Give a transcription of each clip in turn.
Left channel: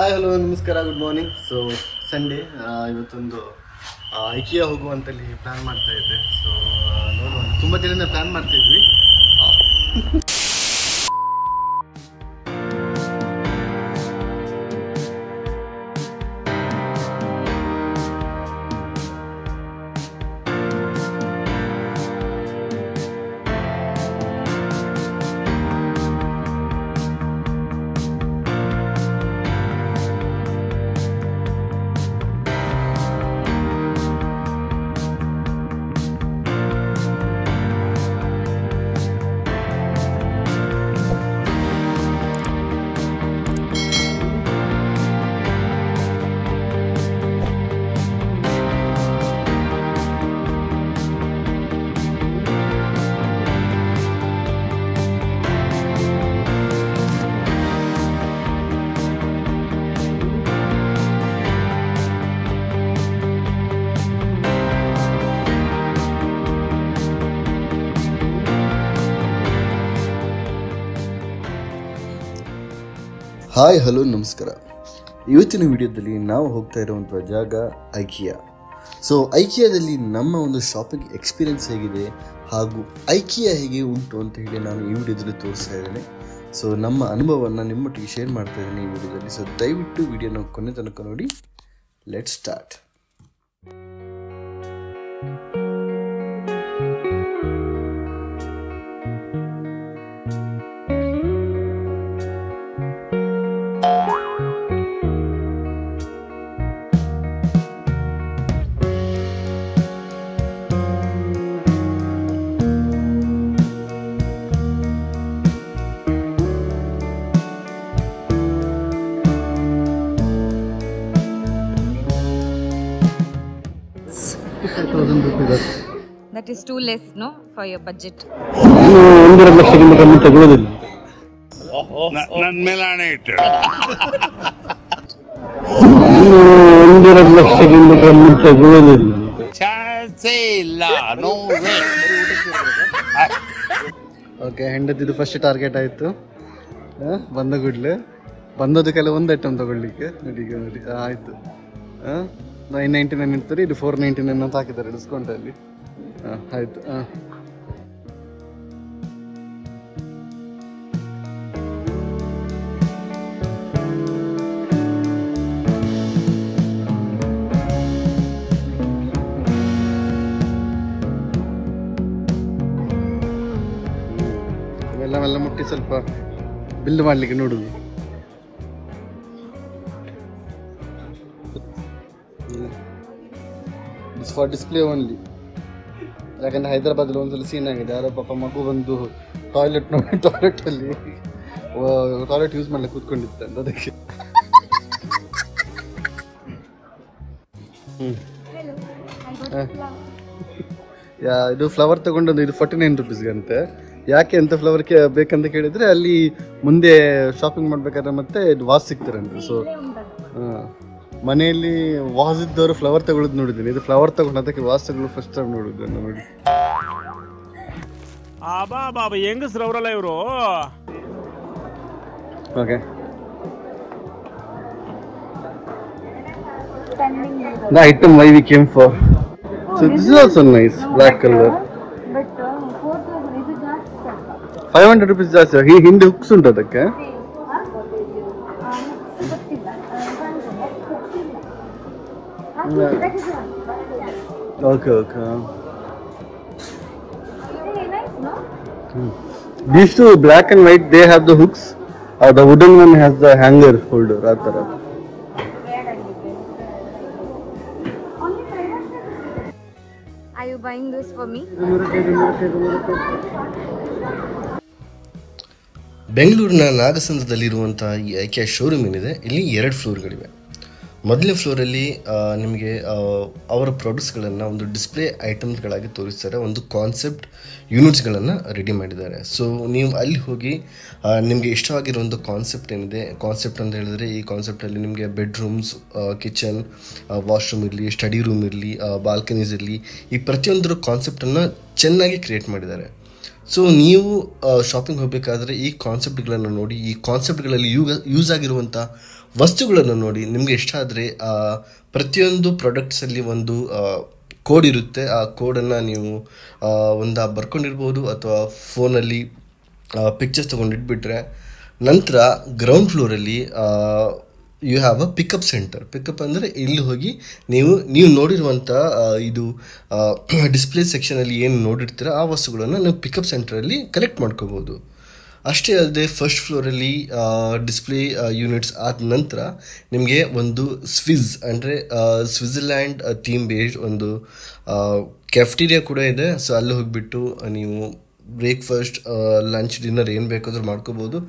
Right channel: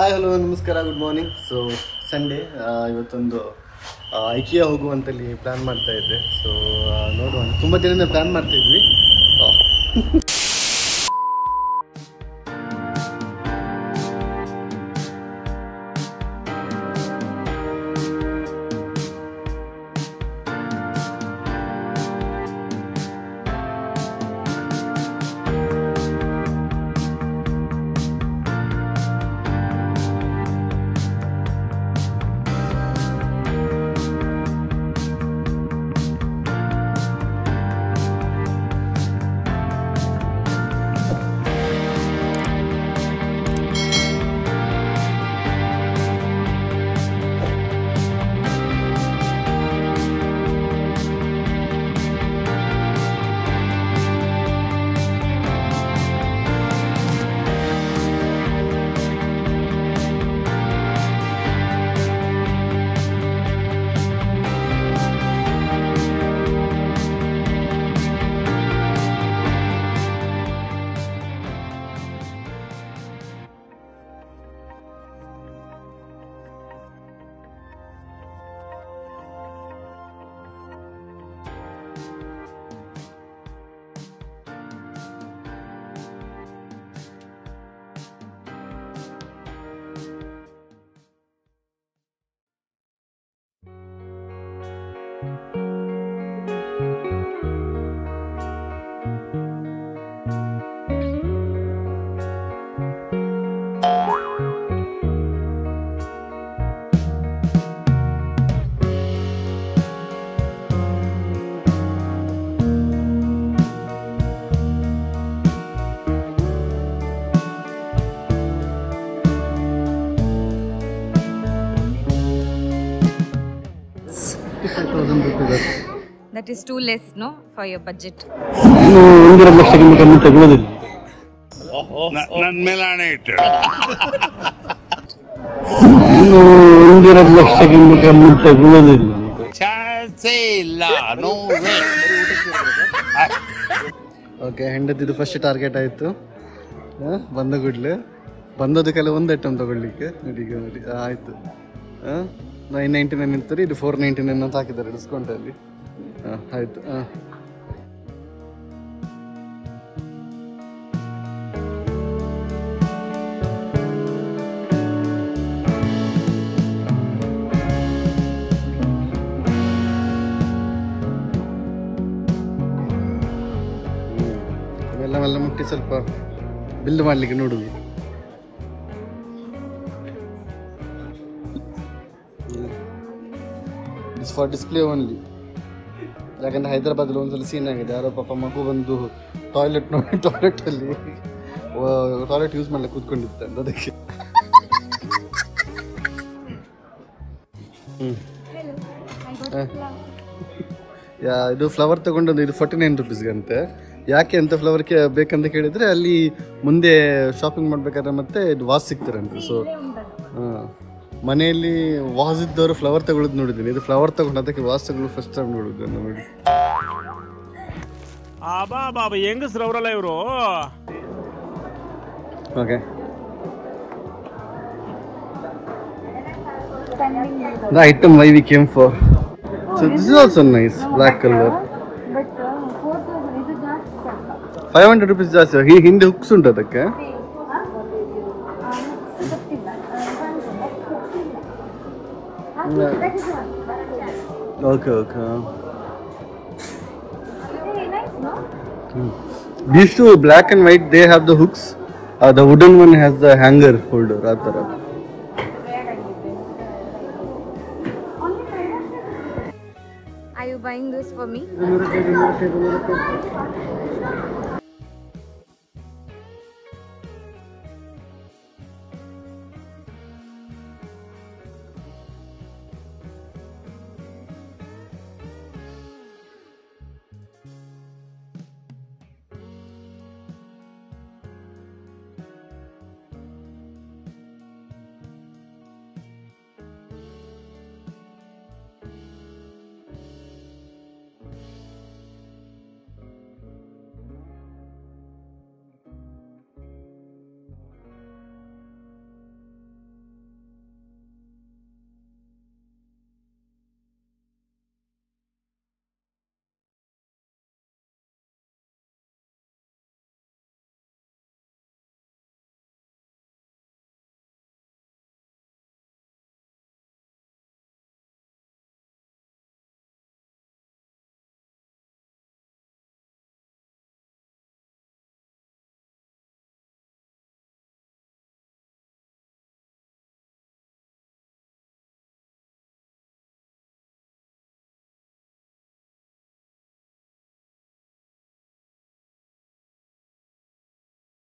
Hi hello ನಮಸ್ಕಾರ, good morning. So Sunday ಇವತ್ತೊಂದು IKEA ಹೋಗುವಂತಲ್ಲಿ plan ಮಾಡ್ತಾ ಇದ್ದೆ. ಸೊ ನೋಡುವ, ತುಂಬ ದಿನದಿಂದ ಪ್ಲಾನ್ ಮಾಡ್ತಾ ಇದ್ವಿ. ಹಾಯ್ ಹಲೋ ನಮಸ್ಕಾರ. ಇವತ್ತಿನ ವಿಡಿಯೋದಲ್ಲಿ ನಾವು ಹೋಗ್ತಾ ಇರುವಂಥ ಜಾಗ ಐಕಿಯಾ. ಸೊ ಐಕಿಯಾದಲ್ಲಿ ನಮ್ಮ ಒಂದು ಶಾಪಿಂಗ್ ಎಕ್ಸ್ಪೀರಿಯನ್ಸ್ ಹೇಗಿದೆ ಹಾಗೂ ಐಕಿಯಾ ಹೇಗೆ ಉಂಟು ಅಂತ ಹೇಳಿ ನಾನು ಈ ವಿಡಿಯೋದಲ್ಲಿ ತೋರಿಸ್ತಾ ಇದ್ದೇನೆ. ಸೊ ನಮ್ಮ ಅನುಭವವನ್ನು ನಿಮ್ಮೊಟ್ಟಿಗೆ ಶೇರ್ ಮಾಡ್ತಾ ಇದ್ದೇನೆ ಈ ವಿಡಿಯೋದಲ್ಲಿ. ಸೊ ದಯವಿಟ್ಟು ವಿಡಿಯೋನ ಕೊನೆ ತನಕ ನೋಡಿ. Let's start. That is too less, no, for your budget. 1.5 ಲಕ್ಷಕ್ಕಿಂತ ಕಮ್ಮಿ ತೆಗೆಯೋದಿಲ್ಲ. ನನ್ನ ಮೇಲೆ ಹಣ ಇಟ್ಟು 1.5 ಲಕ್ಷಕ್ಕಿಂತ ಕಮ್ಮಿ ತೆಗೆಯೋದಿಲ್ಲ. ಚಾನ್ಸೇ ಇಲ್ಲ. No way. ಓಕೆ, ಹೆಂಡತಿದು ಫಸ್ಟ್ ಟಾರ್ಗೆಟ್ ಆಯಿತು. ಬಂದ ಕೂಡಲೇ ಬಂದದಕ್ಕೆಲ್ಲ ಒಂದು ಐಟಮ್ ತಗೊಳ್ಳಿಕ್ಕೆ ನೋಡಿ ಆಯಿತು. 999 ಇರ್ತಾರೆ, ಇದು 499 ಅಂತ ಹಾಕಿದ್ದಾರೆ ಡಿಸ್ಕೌಂಟಲ್ಲಿ. ಆಯಿತು. ಇವೆಲ್ಲ ಮುಟ್ಟಿ ಸ್ವಲ್ಪ ಬಿಲ್ ಮಾಡಲಿಕ್ಕೆ ನೋಡುದು. It's for display only. ಯಾಕಂದ್ರೆ ಹೈದರಾಬಾದಲ್ಲಿ ಒಂದ್ಸಲ ಸೀನ್ ಆಗಿದೆ, ಯಾರೋ ಪಾಪ ಮಗು ಬಂದು ಟಾಯ್ಲೆಟಲ್ಲಿ ಟಾಯ್ಲೆಟ್ ಯೂಸ್ ಮಾಡ್ಲಿಕ್ಕೆ ಕೂತ್ಕೊಂಡಿತ್ತು ಅಂತ, ಅದಕ್ಕೆ. ಇದು ಫ್ಲವರ್ ತಗೊಂಡದ್ದು, ಇದು 49 ರುಪೀಸ್ಗಂತೆ. ಯಾಕೆ ಅಂತ ಫ್ಲವರ್ಗೆ ಬೇಕಂತ ಕೇಳಿದ್ರೆ ಅಲ್ಲಿ ಮುಂದೆ ಶಾಪಿಂಗ್ ಮಾಡ್ಬೇಕಾದ್ರೆ ಮತ್ತೆ ಇದು ವಾಸ್ ಸಿಗ್ತಾರಂತೆ. ಸೊ ಮನೆಯಲ್ಲಿ ವಾಸ್ ಇದ್ದವರು ಫ್ಲವರ್ ತಗೊಳ್ಳೋದು ನೋಡಿದ್ದೀನಿ. ಇದು ಫ್ಲವರ್ ತಗೊಂಡು ಅದಕ್ಕೆ ವಾಸ್ ತಗೊಳ್ಳೋದು ಫಸ್ಟ್ ಟೈಮ್ ನೋಡಿದ್ದೆ ನೋಡಿ. ಬಾಬಾ ಹೆಂಗಸ್ರು ಅವರಲ್ಲ ಇವರು. Okay, the item why we came for. So this is also nice, black color. 500 rupees ಜಾಸ್ತಿ. ಹಿಂದೆ ಹುಕ್ಸ್ ಉಂಟು ಅದಕ್ಕೆ. Okay. These two black and white, they have the hooks. The wooden one has the hanger holder. Are you buying this for me? ಬೆಂಗಳೂರಿನ ನಾಗಸಂದ್ರದಲ್ಲಿರುವಂಥ ಈ IKEA showroom ಏನಿದೆ, ಇಲ್ಲಿ 2 ಫ್ಲೋರ್ಗಳಿವೆ. ಮೊದಲನೇ ಫ್ಲೋರಲ್ಲಿ ನಿಮಗೆ ಅವರ ಪ್ರಾಡಕ್ಟ್ಸ್ಗಳನ್ನು ಒಂದು ಡಿಸ್ಪ್ಲೇ ಐಟಮ್ಸ್ಗಳಾಗಿ ತೋರಿಸ್ತಾರೆ. ಒಂದು ಕಾನ್ಸೆಪ್ಟ್ ಯೂನಿಟ್ಸ್ಗಳನ್ನು ರೆಡಿ ಮಾಡಿದ್ದಾರೆ. ಸೊ ನೀವು ಅಲ್ಲಿ ಹೋಗಿ ನಿಮಗೆ ಇಷ್ಟವಾಗಿರೋ ಒಂದು ಕಾನ್ಸೆಪ್ಟ್ ಏನಿದೆ, ಕಾನ್ಸೆಪ್ಟ್ ಅಂತ ಹೇಳಿದ್ರೆ ಈ ಕಾನ್ಸೆಪ್ಟಲ್ಲಿ ನಿಮಗೆ ಬೆಡ್ರೂಮ್ಸ್, ಕಿಚನ್, ವಾಶ್ರೂಮ್ ಇರಲಿ, ಸ್ಟಡಿ ರೂಮ್ ಇರಲಿ, ಬಾಲ್ಕನೀಸ್ ಇರಲಿ, ಈ ಪ್ರತಿಯೊಂದರ ಕಾನ್ಸೆಪ್ಟನ್ನು ಚೆನ್ನಾಗಿ ಕ್ರಿಯೇಟ್ ಮಾಡಿದ್ದಾರೆ. ಸೊ ನೀವು ಶಾಪಿಂಗ್ ಹೋಗಬೇಕಾದ್ರೆ ಈ ಕಾನ್ಸೆಪ್ಟ್ಗಳನ್ನು ನೋಡಿ, ಈ ಕಾನ್ಸೆಪ್ಟ್ಗಳಲ್ಲಿ ಯೂಸ್ ಆಗಿರುವಂಥ ವಸ್ತುಗಳನ್ನು ನೋಡಿ. ನಿಮಗೆ ಇಷ್ಟ ಆದರೆ ಪ್ರತಿಯೊಂದು ಪ್ರಾಡಕ್ಟ್ಸಲ್ಲಿ ಒಂದು ಕೋಡ್ ಇರುತ್ತೆ. ಆ ಕೋಡನ್ನು ನೀವು ಒಂದು ಬರ್ಕೊಂಡಿರ್ಬೋದು ಅಥವಾ ಫೋನಲ್ಲಿ ಪಿಕ್ಚರ್ಸ್ ತೊಗೊಂಡಿಟ್ಬಿಟ್ರೆ, ನಂತರ ಗ್ರೌಂಡ್ ಫ್ಲೋರಲ್ಲಿ you have a pickup centre. Pickup ಅಂದರೆ ಇಲ್ಲಿ ಹೋಗಿ ನೀವು ನೋಡಿರುವಂಥ ಇದು ಡಿಸ್ಪ್ಲೇ ಸೆಕ್ಷನಲ್ಲಿ ಏನು ನೋಡಿರ್ತೀರ ಆ ವಸ್ತುಗಳನ್ನು ನೀವು ಪಿಕಪ್ ಸೆಂಟರಲ್ಲಿ ಕಲೆಕ್ಟ್ ಮಾಡ್ಕೋಬೋದು. ಅಷ್ಟೇ ಅಲ್ಲದೆ ಫಸ್ಟ್ ಫ್ಲೋರಲ್ಲಿ ಡಿಸ್ಪ್ಲೇ ಯೂನಿಟ್ಸ್ ಆದ ನಂತರ ನಿಮಗೆ ಒಂದು ಸ್ವಿಸ್ ಅಂದರೆ ಸ್ವಿಟ್ಜರ್ಲ್ಯಾಂಡ್ ಥೀಮ್ ಬೇಸ್ಡ್ ಒಂದು ಕ್ಯಾಫ್ಟೀರಿಯಾ ಕೂಡ ಇದೆ. ಸೊ ಅಲ್ಲಿ ಹೋಗಿಬಿಟ್ಟು ನೀವು ಬ್ರೇಕ್ಫಾಸ್ಟ್, ಲಂಚ್, ಡಿನ್ನರ್ ಏನು ಬೇಕಾದರೂ ಮಾಡ್ಕೋಬೋದು.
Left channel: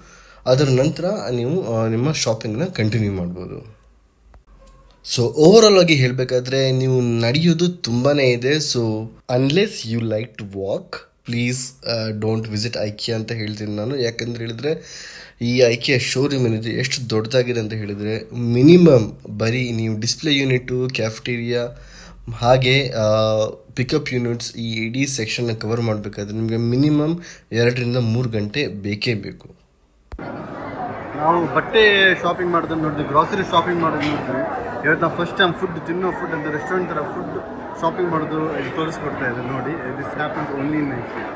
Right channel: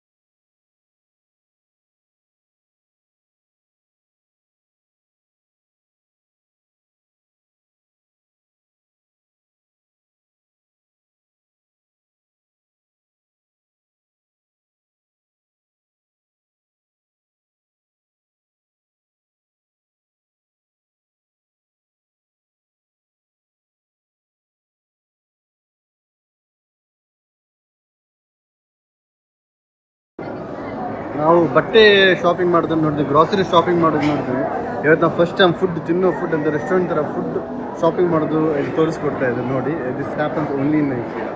ಅದರ ನಂತರ ನೀವು ನಿಮ್ಮ ಶಾಪಿಂಗ್ನ ಕಂಟಿನ್ಯೂ ಮಾಡ್ಬೋದು. ಸೊ ಓವರಾಲ್ ಆಗಿ ಹೇಳಬೇಕಾದ್ರೆ ನೀವು ನಡೆಯೋದು ತುಂಬಾ ಇದೆ. So unless you like to walk, please don't visit IKEA ಅಂತ ಹೇಳ್ತೀನಿ ನಾನು. ಯಾಕಂದ್ರೆ ಹೇಳಿದರೆ ಈ ಐಕಿಯಾ ಶೋರೂಮ್ ಏನಿದೆ ಎಷ್ಟು ದೊಡ್ಡದಾಗಿದೆ ಅಂತ ಹೇಳಿದರೆ, ಮಿನಿಮಮ್ ಬರೀ ನೀವು ಡಿಸ್ಪ್ಲೇ ಯೂನಿಟು, ಕ್ಯಾಫ್ಟೀರಿಯಾ ಹಾಗೆ ಪಿಕಪ್ ಯೂನಿಟ್ಸ್ ಈ ಇಡೀ ಸೆಕ್ಷನ್ನ ಕವರ್ ಮಾಡಬೇಕಾದ್ರೆ ನಿಮಗೆ ಮಿನಿಮಮ್ 2 ರಿಂದ 3 ಗಂಟೆ ಬೇಕೇ ಬೇಕು. ನಾವು ಬಟ್ಟೆ ಶಾಪಿಂಗ್ ಮಾಡೋದನ್ನು ನೋಡಿದ್ವಿ, ಗ್ರಾಸರಿ ಶಾಪಿಂಗ್ ಮಾಡೋದು ನೋಡಿದ್ವಿ. ಇವತ್ತು ನಾವು ಫಸ್ಟ್ ಟೈಮ್ ಫುಡ್ ಅಂತ ರೆಸ್ಟೋರೆಂಟ್ ಥರ ಫುಡ್ ಶಾಪಿಂಗ್ ಮಾಡೋದು ಇದು ತೋರಿಸ್ಕೊಡ್ತಾ ಇದೆ ನೋಡಿ. This happens only in IKEA.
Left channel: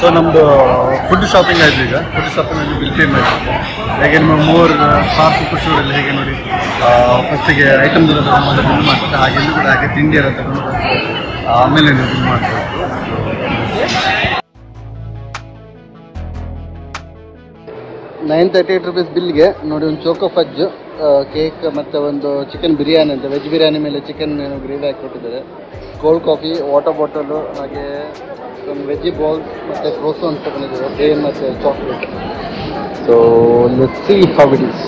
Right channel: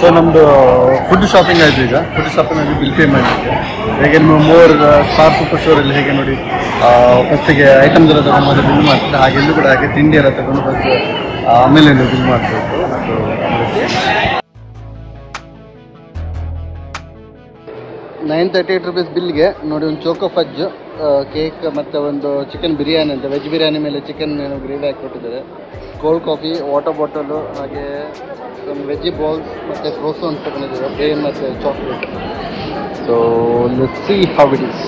So ನಮ್ಮದು ಫುಡ್ ಶಾಪಿಂಗ್ ಆಯಿತು. ಈಗ ಫುಡ್ ಶಾಪಿಂಗ್ ಬಿಲ್ ಪೇ ಮಾಡಿ ಹೇಗೆ ನಿಮ್ಮ ಮೋರ್ ಸ್ಟಾರ್ ಸೂಪರ್ ಸ್ಟೋರಲ್ಲಿ ಹೇಗೆ ನೋಡಿ ಫಸ್ಟಿಗೆ ಐಟಮ್ಸ್ ಎಲ್ಲ ತಗೊಂಡು ಬಿಲ್ ಮಾಡ್ತಾರೆ, ಹಾಗೆ ಎಲ್ಲೂ ಕೂಡ ಹಾಗೆ ತಿಂಡಿ ಎಲ್ಲ ತಗೊಂಡು ಬಂದು ಆಮೇಲೆ ನೀವು ಬಿಲ್ ಮಾಡ್ತೀವಿ. 938 rupees ಬಿಲ್ಗೆ ನೋಡಿ ಒಂದು ಚೋಕೋ ಫಜ್, ಕೇಕ್ ಮತ್ತು ಒಂದು ಚಿಕನ್ ಬಿರಿಯಾನಿ ಅಂತ ವೆಜ್ ಬಿರಿಯಾನಿ ಮೇಲೆ ಚಿಕನ್ ಗ್ರೇವಿ ಹಾಕಿ ಕೊಟ್ಟಿದ್ದಾರೆ. ಕೋಲ್ಡ್ ಕಾಫಿ, ವಾಟರ್ ಬಾಟಲು, ಹಾಗೆ ಒಂದು ವೆಜಿ ಬಾಲ್ಸ್ ಮತ್ತು ಕ್ರೋಸೋನ್ಸ್ ತಗೊಂಡಿದ್ದಾರೆ, ಬ್ರೇನ್ ಮತ್ತು chocolate. So let's see how it is.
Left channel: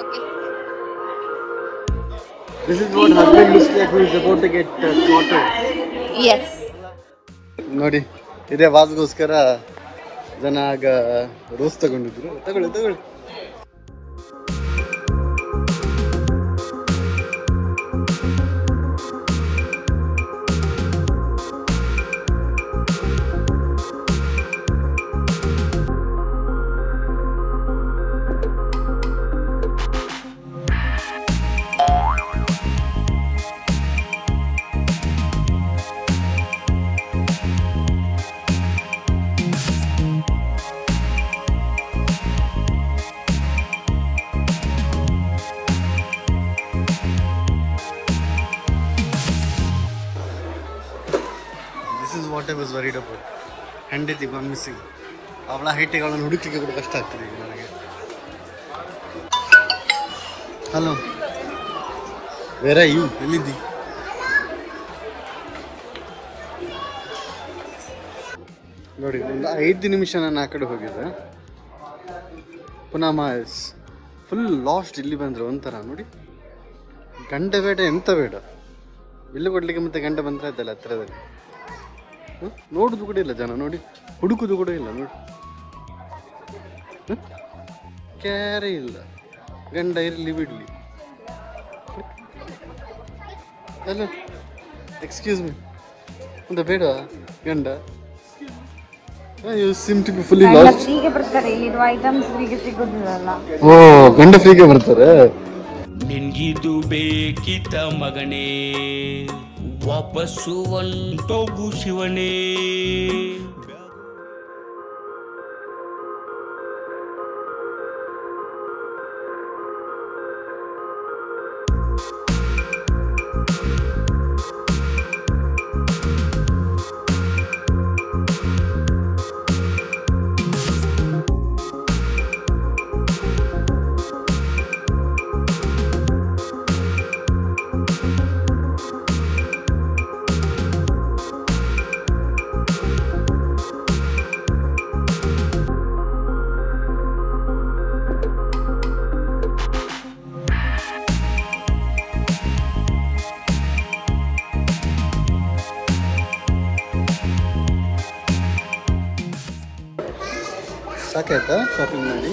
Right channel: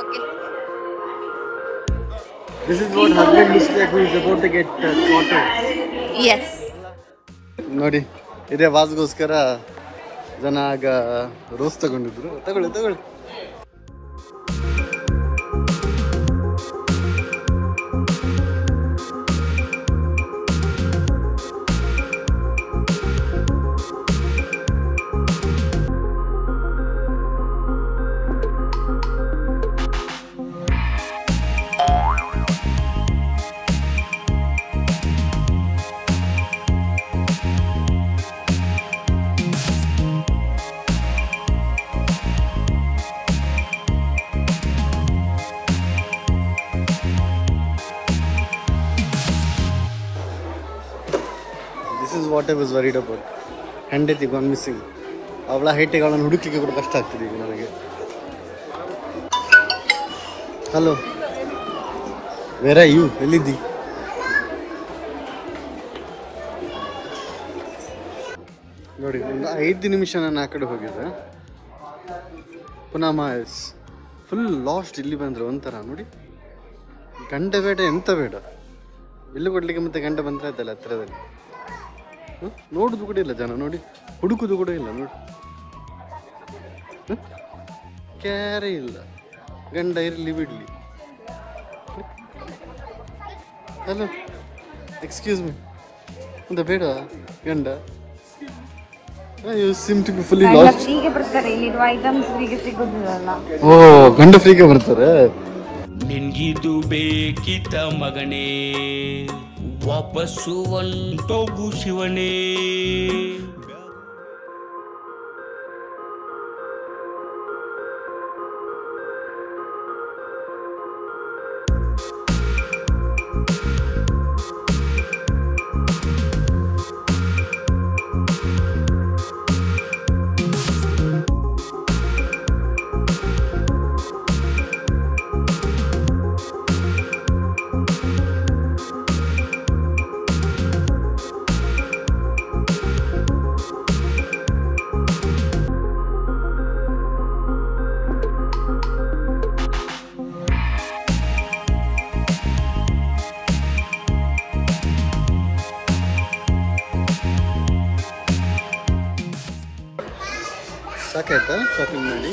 Okay. This is what husband looks like who is about to get slaughtered. Yes. ನೋಡಿ ಇದೇ ವಾಸ್ಗೋಸ್ಕರ ಜನ ಆಗ ರೋಸ್ ತಗೊಂಡಿದ್ರು. ತಗೊಳ್ಳಿ. What I was worried about. ಹೆಂಡತಿ gone missing. ಅವಳ ಹೈಟಿಗೆ ಅವಳನ್ನು ಹುಡುಕ್ಲಿಕ್ಕೆ ಕೂಡ ಕಷ್ಟ ಆಗ್ತದೆ ಈಗ ನನಗೆ. Hello, where are you? ಎಲ್ಲಿದ್ದಿ? ನೋಡಿ ಒಂದು 5 ನಿಮಿಷ ನಾನು ಆ ಕಡೆ ಹೋಗಿದ್ದೆ, ಪುನಃ ಮಾಯಸ್ ಫುಲ್ ಲಾಸ್ಟ್. ಇಲ್ಲಿ ಬಂದರೆ ಒಂಥರ ನೋಡಿ, ಗಂಟೆ ಬೇಡ ಎಂತ ಬೇಡ, ಬಿಲ್ಲು ಕೊಡ್ಲಿಕ್ಕೆ ಮತ್ತೆ ಗಂಟೆ ಬಂದ್ರೆ ಆಯ್ತಲ್ಲ ಹತ್ರದಲ್ಲಿ. ನೋಡುದು ಕೂಡ ಇಲ್ಲ ಜನ, ನೋಡಿ ಹುಡುಕುದು ಕೂಡ ಇಲ್ಲ ನೋಡಿ. ಕ್ಯಾರೇ ಇಲ್ಲ. ಗಂಡ ಇರಲಿ ಬಿಡಲಿ. ಅಲ್ಲ ಎಕ್ಸ್ಕ್ಯೂಸ್ ಮೀ, ಅಂತ ಬೇಡ ಗಂಡ. You seem to be fully lost. ಫ್ರೀಗೆ ಬರ್ತಾರೆ, ಇಲ್ಲಿರುವ ಐಟಮ್ಸ್ ಫ್ರೀಗೆ ಸಿಗೋದಿಲ್ಲ. ಓ, ಗಂಡ ಫ್ರೀಗೆ ಬರ್ತಾರೆ. ನಿನ್ಗಿದು ಬೇಕಿತ ಮಗನೇ, ವಾಪಸ್ಸು ಒಂಟೋಗು ಶಿವನೇ. ಸಾಕಾಯ್ತಾ ಶಾಪಿಂಗ್ ಮಾಡಿ?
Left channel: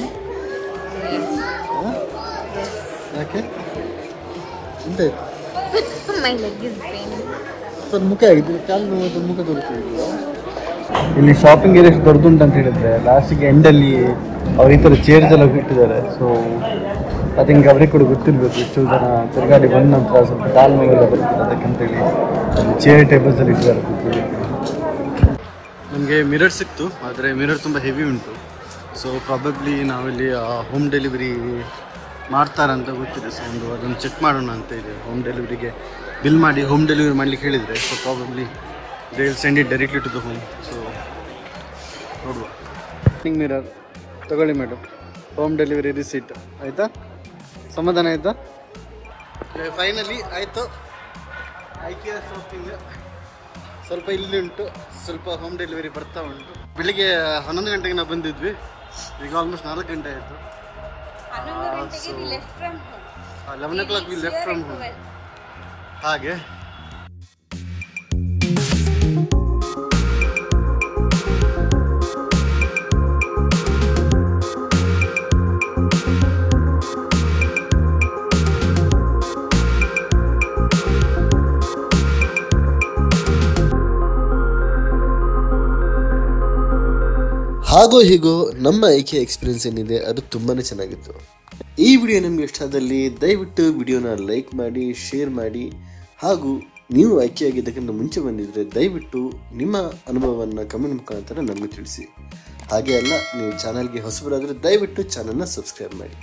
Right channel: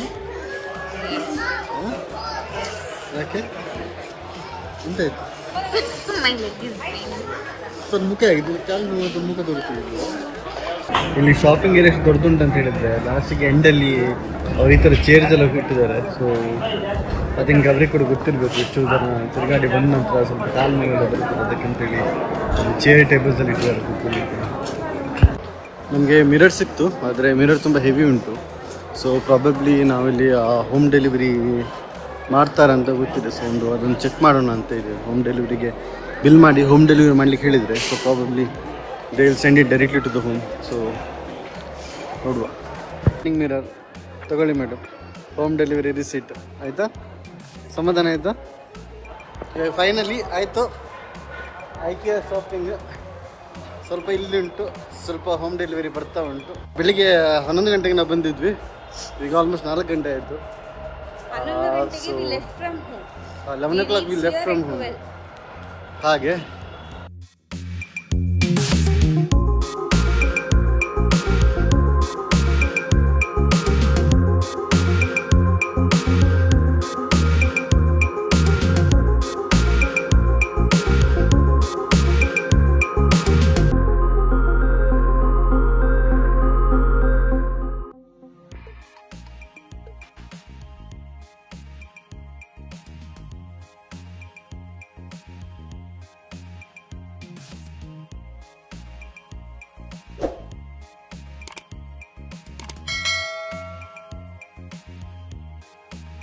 ಯಾಕೆ ಎಂತಾಯ್ತು? ಸ್ವಲ್ಪ ಮುಖ ಆಗಿತ್ತು, ಕಾಲು ಮುಖ ತೋರಿಸ್ತಿದ್ರು. ಇಲ್ಲಿ ಶಾಪಿಂಗ್ ಏರಿಯಾ ದೊಡ್ಡದುಂಟು ಅಂತ ಹೇಳಿದ್ರೆ ಲಾಸ್ಟಿಗೆ ಎಂಡಲ್ಲಿ ಅವ್ರು ಈ ಥರ ಚೇರ್ಸ್ ಎಲ್ಲ ಇಟ್ಟಿದ್ದಾರೆ. ಸೊ ಐ ಥಿಂಕ್ ಅವ್ರಿಗೆ ಕೂಡ ಗೊತ್ತಿರಬೇಕು, ಇಷ್ಟು ಜನ ತಿರುಗಾಡಿ ಬಂದ ನಂತರ ಸ್ವಲ್ಪ ಕಾಲು ನೋವೆಲ್ಲ ಬರ್ತದೆ, ಅದಕ್ಕಂತೇಳಿ ಅಲ್ಲಿ ಚೇರ್ ಟೇಬಲ್ಸ್ ಅಲ್ಲಿ ಇಟ್ಟಿದ್ದಾರೆ ಕೂತ್ಕೊಳ್ಳಿಕ್ಕೆ. ನಮಗೆ ಮಿರರ್ ಸಿಕ್ತು, ಆದರೆ ಮಿರರ್ ತುಂಬ ಹೆವಿ ಉಂಟು. ಸೊ ಪ್ರಾಬಬ್ಲಿ ನಾವಿಲ್ಲಿ ಹೋಮ್ ಡೆಲಿವರಿ ಮಾಡ್ತಾರಂತ ಗೊತ್ತಿದೆ. ಸೊ ಅದನ್ನು ಚೆಕ್ ಮಾಡೋಣ ಅಂತ ಇದೆ. ಹೋಮ್ ಡೆಲಿವರಿಗೆ ಬಿಲ್ ಮಾಡಿ ಹೋಮ್ ಡೆಲಿವರಿ ಮಾಡ್ಲಿಕ್ಕೆ ಹೇಳಿದರೆ, so probably they will send it directly to the home. So ನೋಡುವ. ಮಿರರ್ ತಗೊಳ್ಳಿ ಮೇಡಮ್, ಹೋಮ್ ಡೆಲಿವರಿ ರಿಸೀಟ್ ಆಯಿತಾ? ಸಮಾಧಾನ ಆಯಿತಾ? ಫೈನಲಿ ಆಯಿತು. ಐಕಿಯಾ ಶಾಪಿಂಗ್ ಸ್ವಲ್ಪ ಇಲ್ಲಿ ಉಂಟು, ಸ್ವಲ್ಪ ಹೋಮ್ ಡೆಲಿವರಿ ಬರ್ತಾ ಉಂಟು. ಬೆಳಿಗ್ಗೆ 11 ಗಂಟೆಗೆ ನಾವು ಬಂದಿದ್ವಿ, ಈಗ ಆಲ್ಮೋಸ್ಟ್ 4 ಗಂಟೆ ಆಯಿತು. So 11 o'clock we left from home. ಹಾಗೆ ಹಾಗೋ ಹೀಗೋ ನಮ್ಮ ಐಕಿಯಾ ಎಕ್ಸ್ಪೀರಿಯನ್ಸ್ ಏನಿದೆ ಅದು ತುಂಬಾ ಚೆನ್ನಾಗಿತ್ತು. ಈ ವಿಡಿಯೋ ನಿಮಗೆ ಇಷ್ಟ ಆದಲ್ಲಿ ದಯವಿಟ್ಟು ವಿಡಿಯೋನ ಲೈಕ್ ಮಾಡಿ, ಶೇರ್ ಮಾಡಿ. ಹಾಗೂ ನೀವು ಐಕಿಯಾ ಆಗಿದ್ದಕ್ಕಿಂತ ಮುಂಚೆ ಬಂದಿದ್ದರೆ ದಯವಿಟ್ಟು ನಿಮ್ಮ ಅನುಭವವನ್ನು ಕಮೆಂಟ್ ಮುಖಾಂತರ ನಮಗೆ ತಿಳಿಸಿ. ಹಾಗೆ ಅಲ್ಲ, ನೀವು ಚಾನಲ್ಗೆ ಹೊಸಬರಾದರೆ ದಯವಿಟ್ಟು ಚಾನಲ್ನ ಸಬ್ಸ್ಕ್ರೈಬ್ ಮಾಡಿ.